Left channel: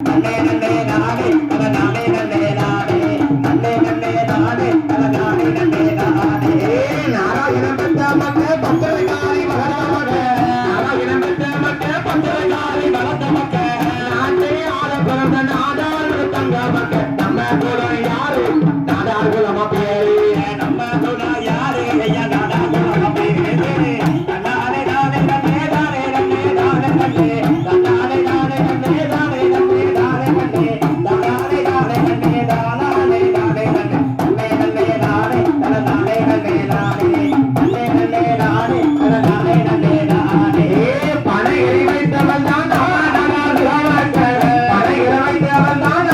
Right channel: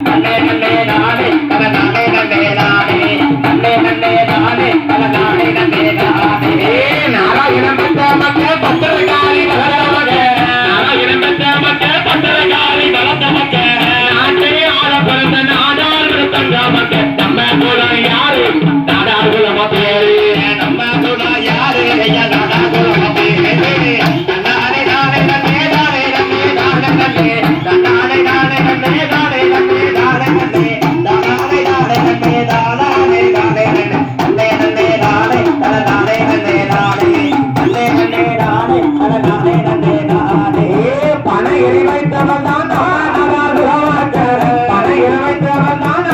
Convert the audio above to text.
நன்னே நன்னே நானே தன நானே நன்னே நானே நன்னே நன்னே நானே தன நானே நன்னே நானே நாராயணம் பெற்ற மக்கள் பத்திரகாளி வளர்ந்த மக்கள் நாராயணம் பெற்ற மக்கள் பத்திரகாளி வளர்ந்த மக்கள் நாட்டை ஆள பிறந்த நாடாளு தங்க மக்கள் நம்ம கூட யாரு நாடாளுல மத்தியரு நம்ம கூட யாரு ஐயா நாடாளுல மத்தியரு நானே நானே நன்னே நானே நன்னே நானே நன்னே நானே நானே நன்னே நானே நன்னே நானே நன்னே நானே நானே நன்னே நானே நானே நன்னே நன்னே நானே தன நானே நன்னே நானே நன்னே நன்னே நானே தன நானே நன்னே நானே பண இறை வைத்தவன் தான் பண இறை வைத்தவன் தான்